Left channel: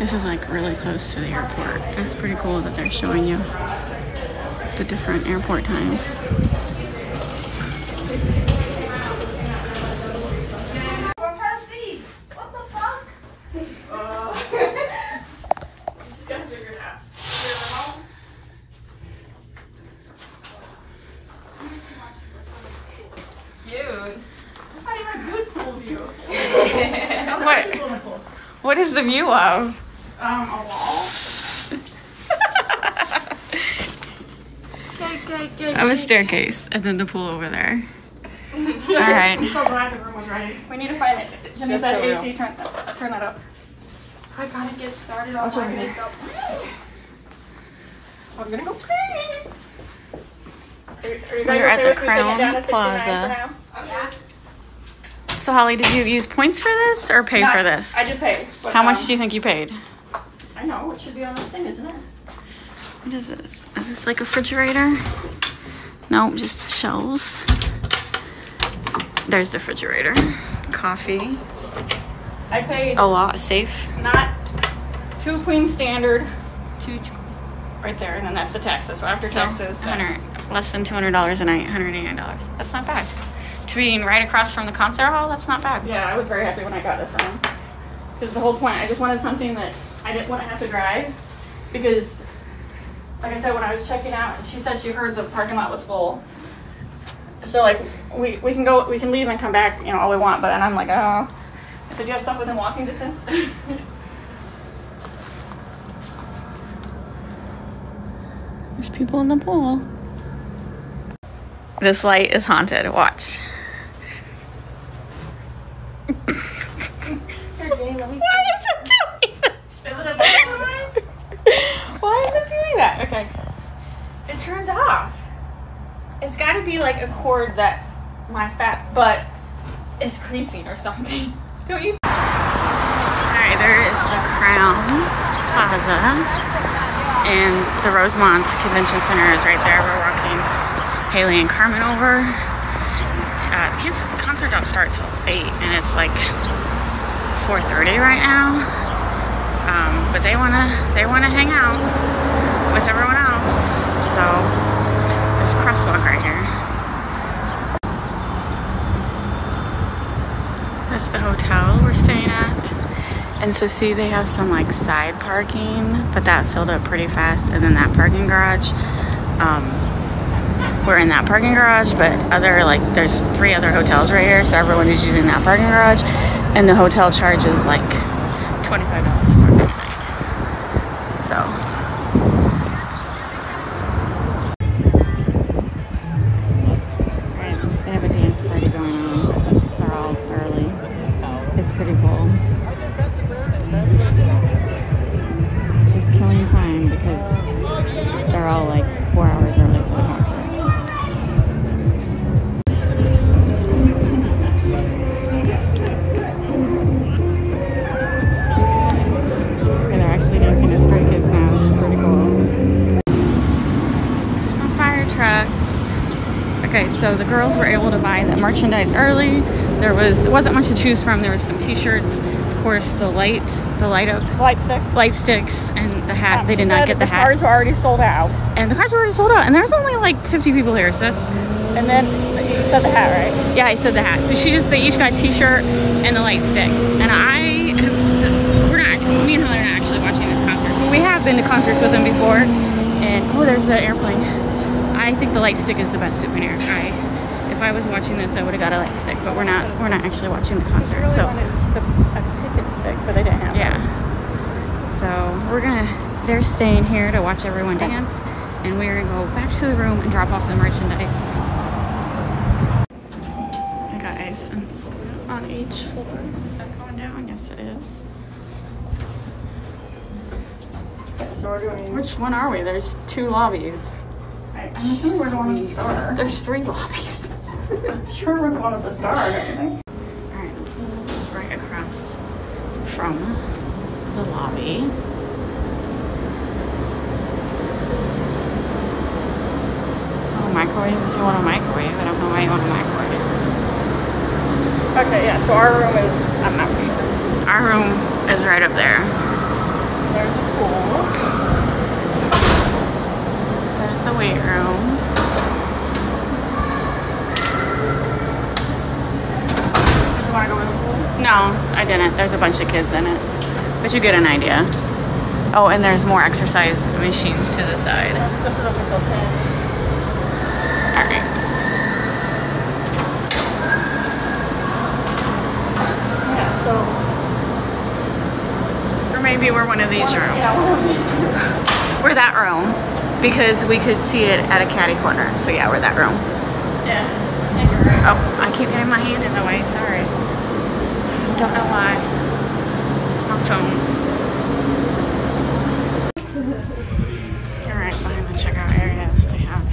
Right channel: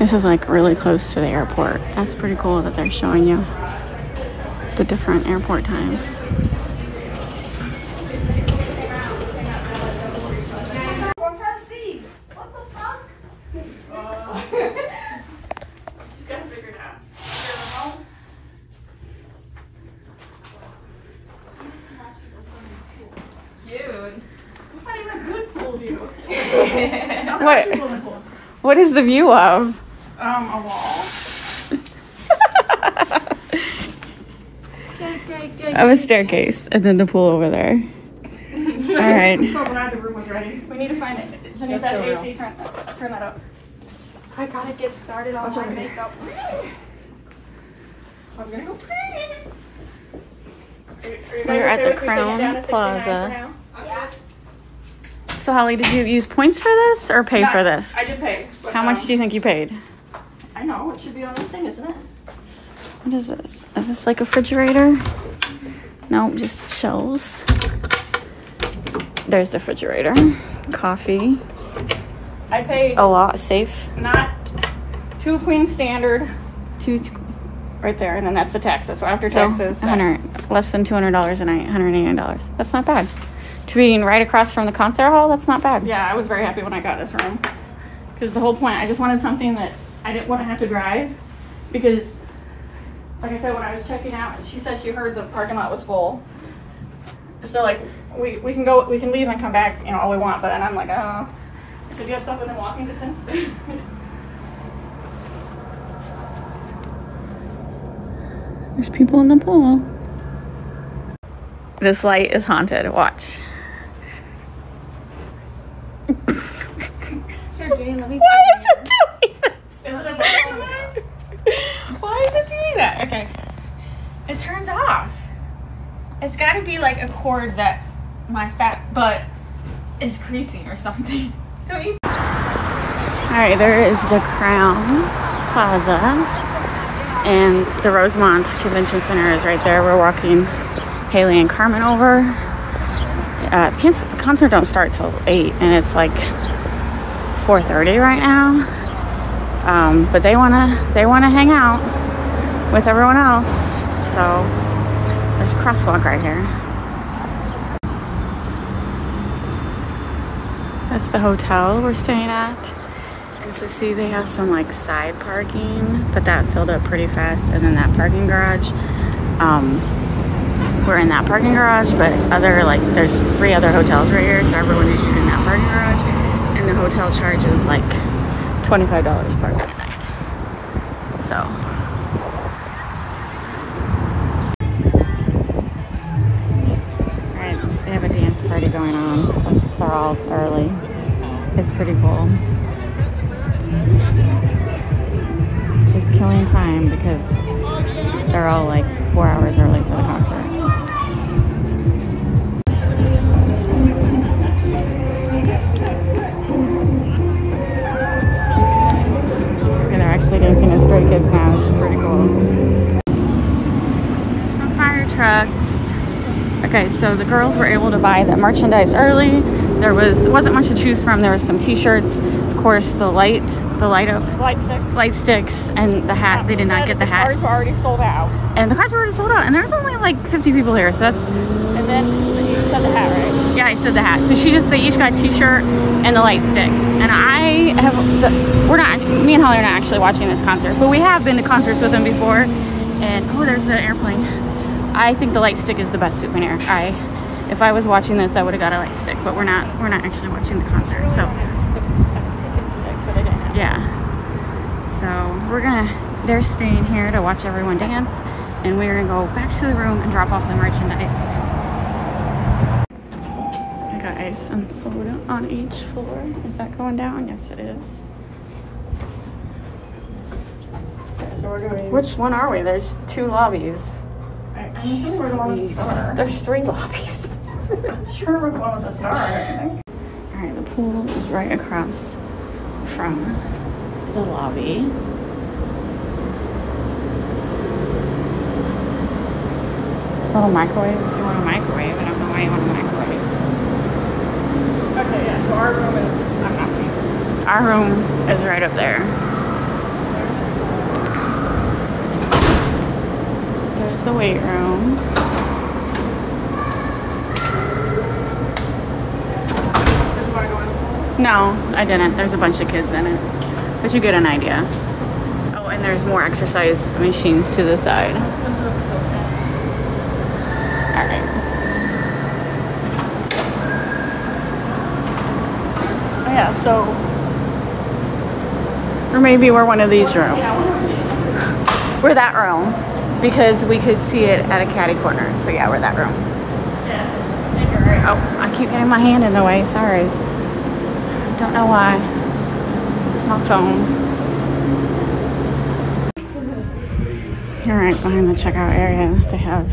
This is like really close to the airport. That's pretty cool that they're showing you the different airport times. I'm trying to see. What the fuck? Just gotta figure it out. Dude, it's not even a good pool view. What is the view of? A wall. Of a staircase, and then the pool over there. All right. I'm so glad the room was ready. We need to find it. Jimmy said AC, turn that up. I gotta get started on my makeup. I'm gonna go pee. We're at the Crowne Plaza. Yeah. So Holly, did you use points for this or pay for this? I did pay. But, How much do you think you paid? I know. It should be on this thing, isn't it? What is this? Is this like a refrigerator? No, just shelves. There's the refrigerator. Coffee. I paid A lot. Safe. not 2 queen standard. Two right there, and then that's the taxes. So after taxes, Less than $200 a night. $189. That's not bad. To being right across from the concert hall, that's not bad. yeah, I was very happy when I got this room because the whole point, I just wanted something that I didn't want to have to drive because, like I said, when I was checking out, she said she heard the parking lot was full. So like we can leave and come back, you know, all we want. But then I'm like, oh. So do you have stuff within walking distance? There's people in the pool. This light is haunted. Watch. Why is it doing this? Why is it doing that? Okay. It turns off. It's got to be like a cord that my fat butt is creasing or something. Don't you? All right, there is the Crowne Plaza, and the Rosemont Convention Center is right there. We're walking Haley and Carmen over. The concert don't start till 8, and it's like 4:30 right now. But they wanna hang out with everyone else. So there's a crosswalk right here. That's the hotel we're staying at. And so see, they have some like side parking, but that filled up pretty fast. And then that parking garage, we're in that parking garage, but there's 3 other hotels right here. So everyone is using that parking garage, and the hotel charges like $25 per night. So. Alright, they have a dance party going on since they're all early. It's pretty cool. Just killing time because they're all like 4 hours early for the concert. And they're actually dancing to Stray Kids now. It's pretty cool. There's some fire trucks. Okay, so the girls were able to buy the merchandise early. There wasn't much to choose from. There was some t-shirts, of course, the light sticks, and the hat. They did not get the hat. The cars were already sold out. And the cars were already sold out, and there's only like 50 people here, so that's. And then you said the hat, right? Yeah, I said the hat. So they each got a t-shirt and the light stick. And me and Holly are not actually watching this concert, but we have been to concerts with them before. And oh, there's the airplane. I think the light stick is the best souvenir. If I was watching this, I would have got a light stick, but we're not actually watching the concert. So yeah. So they're staying here to watch everyone dance, and we're gonna go back to the room and drop off the merchandise. Hey guys, and so we're on each floor. Is that going down? Yes, it is. So we're doing. Which one are we? There's 2 lobbies. I'm assuming we're the one with the star. There's 3 lobbies. I'm sure we're the one with the star. Alright, the pool is right across from the lobby. Little microwave if you want a microwave. I don't know why you want a microwave. Okay, yeah, so our room is, I'm not sure. Our room is right up there. There's the weight room. No, I didn't. There's a bunch of kids in it. But you get an idea. Oh, and there's more exercise machines to the side. Alright. Yeah, so. Or maybe we're one of these rooms. We're that room. Because we could see it at a catty corner. So yeah, we're that room. Yeah, I think you're right. Oh, I keep getting my hand in the way. Sorry. Don't know why. It's my phone. Alright, I'm in the checkout area. They have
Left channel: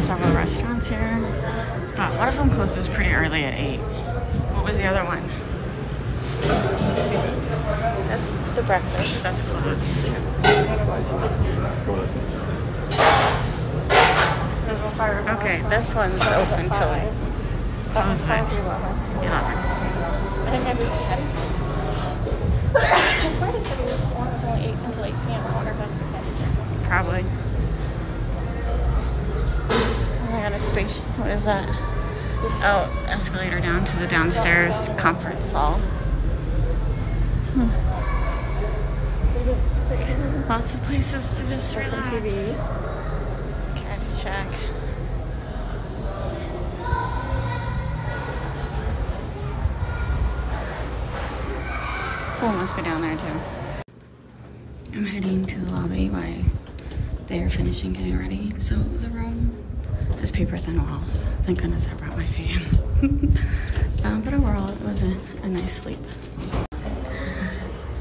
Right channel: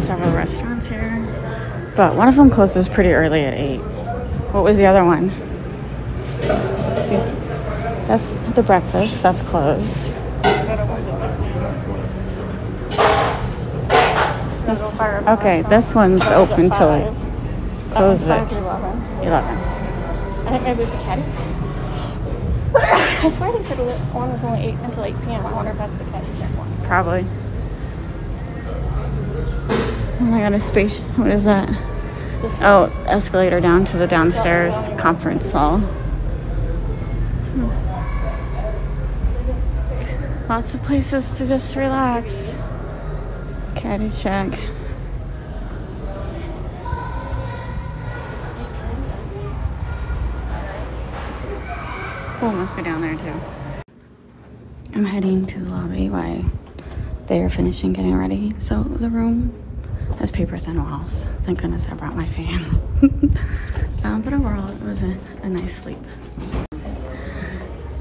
several restaurants here. But one of them closes pretty early at 8. What was the other one? Let's see. That's the breakfast. That's closed. Okay, this one's open till it closes at 11. I think maybe it's 10. That's right. It's only 8 until 8 p.m. I wonder if that's the case. Probably. I got a space. What is that? Oh, escalator down to the downstairs conference hall. Lots of places to just relax. Caddy check. Pool must be down there too. I'm heading to the lobby while they are finishing getting ready. So the room has paper thin walls. Thank goodness I brought my fan. But overall, it was a nice sleep.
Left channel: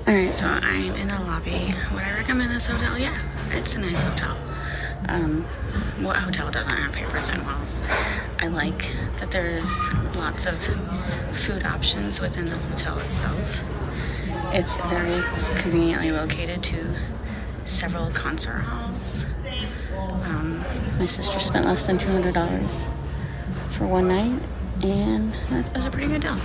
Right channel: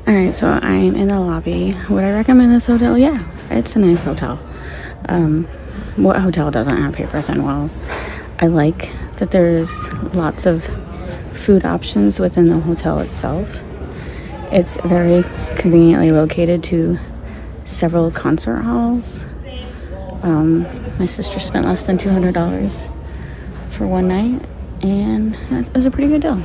Alright, so I'm in the lobby. Would I recommend this hotel? Yeah, it's a nice hotel. What hotel doesn't have paper thin walls? I like that there's lots of food options within the hotel itself. It's very conveniently located to several concert halls. My sister spent less than $200 for one night, and it was a pretty good deal.